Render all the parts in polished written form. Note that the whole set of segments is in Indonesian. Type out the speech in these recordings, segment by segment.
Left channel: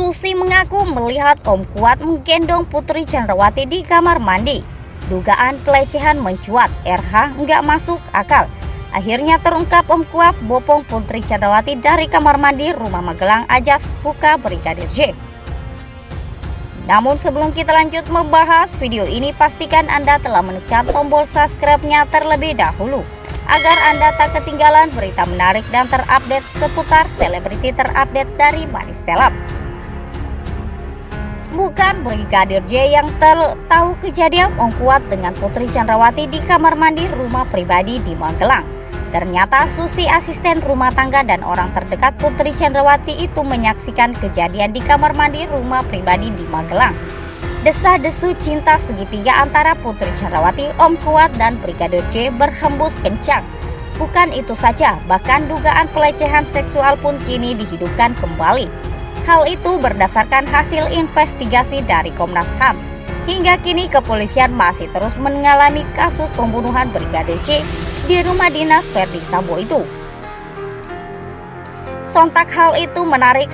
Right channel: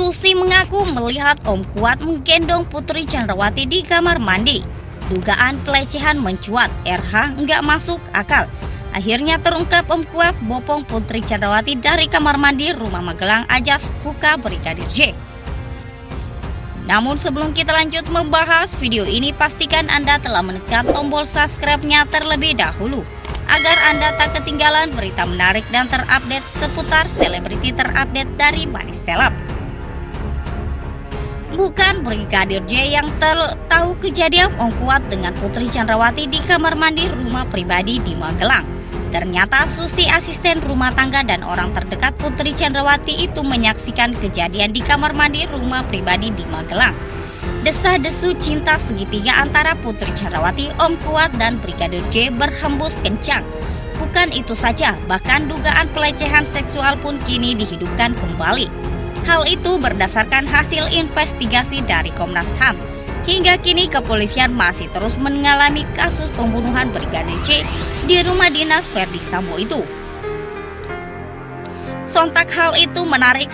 Susi mengaku melihat Om Kuat menggendong Putri Chandrawati di kamar mandi. Dugaan pelecehan mencuat, RH nggak masuk akal. Akhirnya terungkap Om Kuat bopong Putri Chandrawati dari kamar mandi rumah Magelang Ajas buka Brigadir J. Namun sebelum kita lanjut membahas video ini, pastikan Anda telah menekan tombol subscribe-nya terlebih dahulu agar Anda tak ketinggalan berita menarik dan terupdate seputar selebriti terupdate dari Manis Seleb. Bukan Brigadir J yang tahu kejadian Om Kuat dengan Putri Chandrawati di kamar mandi rumah pribadi di Magelang. Ternyata Susi, asisten rumah tangga dan orang terdekat Putri Chandrawati itu menyaksikan kejadian di kamar mandi rumah pribadi di Magelang. Desah-desu cinta segitiga antara Putri Chandrawati, Om Kuat, dan Brigadir J berhembus kencang. Bukan itu saja, bahkan dugaan pelecehan seksual pun kini dihidupkan kembali. Hal itu berdasarkan hasil investigasi dari Komnas HAM. Hingga kini kepolisian masih terus mengalami kasus pembunuhan Brigadir J di rumah dinas Verdi Sambo itu. Sontak hal itu menarik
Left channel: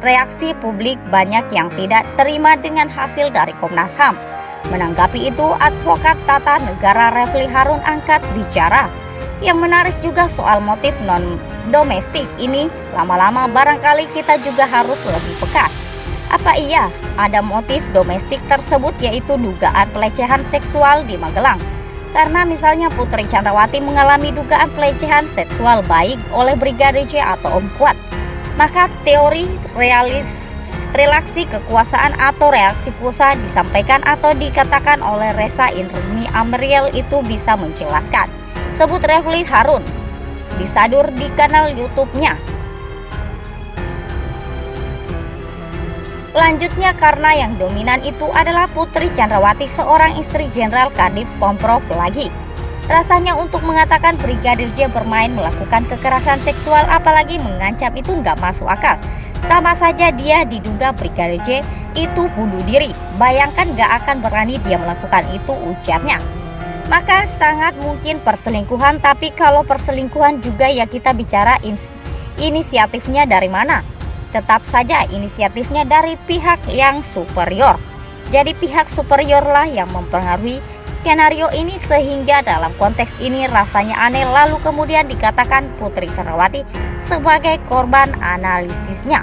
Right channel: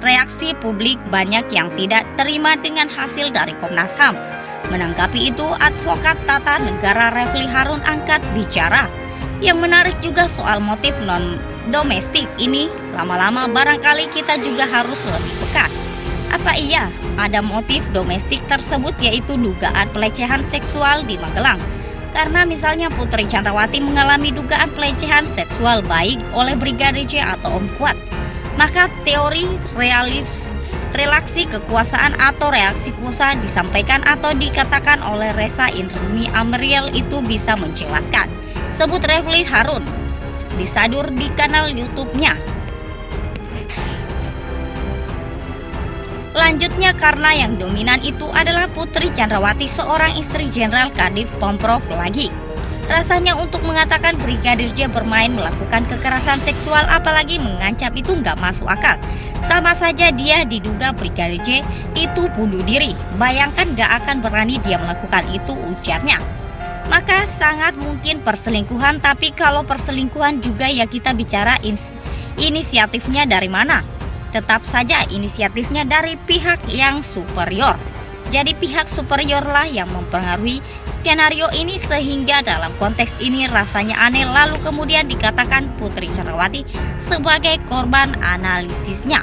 reaksi publik, banyak yang tidak terima dengan hasil dari Komnas HAM. Menanggapi itu, advokat tata negara Refli Harun angkat bicara. Yang menarik juga soal motif non-domestik ini, lama-lama barangkali kita juga harus lebih peka. Apa iya ada motif domestik tersebut, yaitu dugaan pelecehan seksual di Magelang? Karena misalnya Putri Chandrawati mengalami dugaan pelecehan seksual baik oleh Brigadir J atau Om Kuat, maka teori relasi kekuasaan atau reaksi kuasa disampaikan atau dikatakan oleh Reza Indrani Amriel itu bisa menjelaskan. Sebut Refli Harun disadur di kanal YouTube-nya. Lanjutnya, karena yang dominan itu adalah Putri Chandrawati, seorang istri Jenderal Kadif Pemprov lagi. Rasanya untuk mengatakan Brigadir J bermain melakukan kekerasan seksual apalagi mengancam itu nggak masuk akal. Sama saja dia diduga Brigadir J itu bunuh diri. Bayangkan nggak akan berani dia melakukan itu, ujarnya. Maka sangat mungkin perselingkuhan, tapi kalau perselingkuhan juga ya kita bicara inisiatifnya dari mana. Tetap saja inisiatifnya dari pihak yang superior. Jadi pihak superior lah yang mempengaruhi skenario ini, sehingga dalam konteks ini rasanya aneh lalu kemudian dikatakan Putri Chandrawati sebagai korban analisisnya.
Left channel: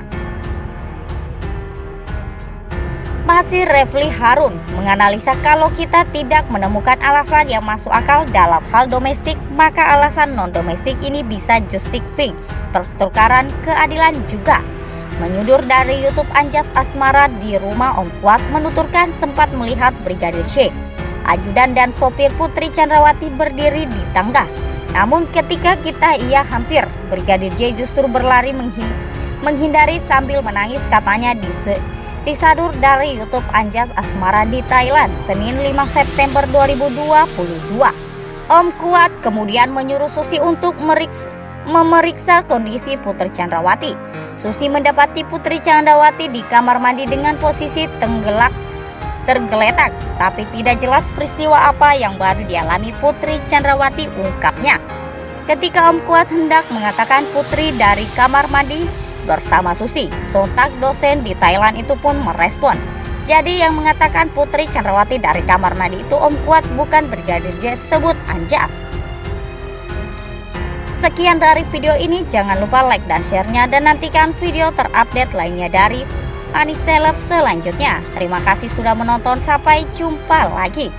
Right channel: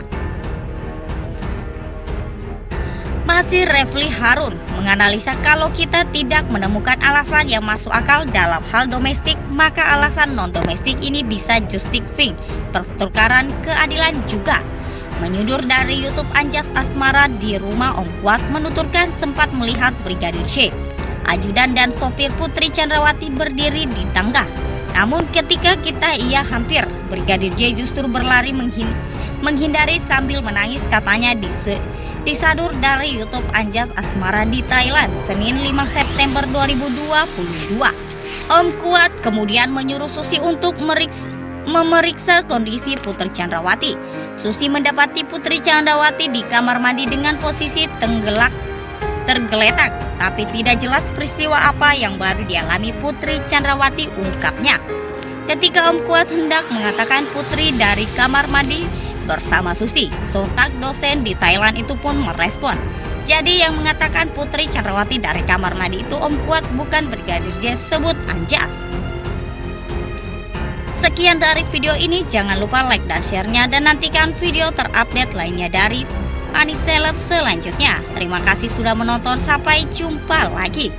Masih Refli Harun menganalisa kalau kita tidak menemukan alasan yang masuk akal dalam hal domestik, maka alasan non-domestik ini bisa justifying pertukaran keadilan juga. Menyudur dari YouTube, Anjas Asmara di rumah Om Kuat menuturkan sempat melihat Brigadir J, ajudan dan sopir Putri Chandrawati berdiri di tangga. Namun ketika ia hampir, Brigadir J justru berlari menghindari sambil menangis, katanya disadur dari YouTube Anjas Asmara di Thailand, Senin 5 September 2022. Om Kuat kemudian menyuruh Susi untuk memeriksa kondisi Putri Chandrawati. Susi mendapati Putri Chandrawati di kamar mandi dengan posisi tergeletak, tapi tidak jelas peristiwa apa yang baru dialami Putri Chandrawati, ungkapnya. Ketika Om Kuat hendak mengatakan Putri dari kamar mandi bersama Susi, sontak dosen di Thailand itu pun merespon. Jadi yang mengatakan Putri Chandrawati dari kamar mandi itu Om Kuat, bukan Brigadir J, sebut Anjas. Sekian dari video ini, jangan lupa like dan share-nya dan nantikan video terupdate lainnya dari Manis Seleb selanjutnya. Terima kasih sudah menonton, sampai jumpa lagi.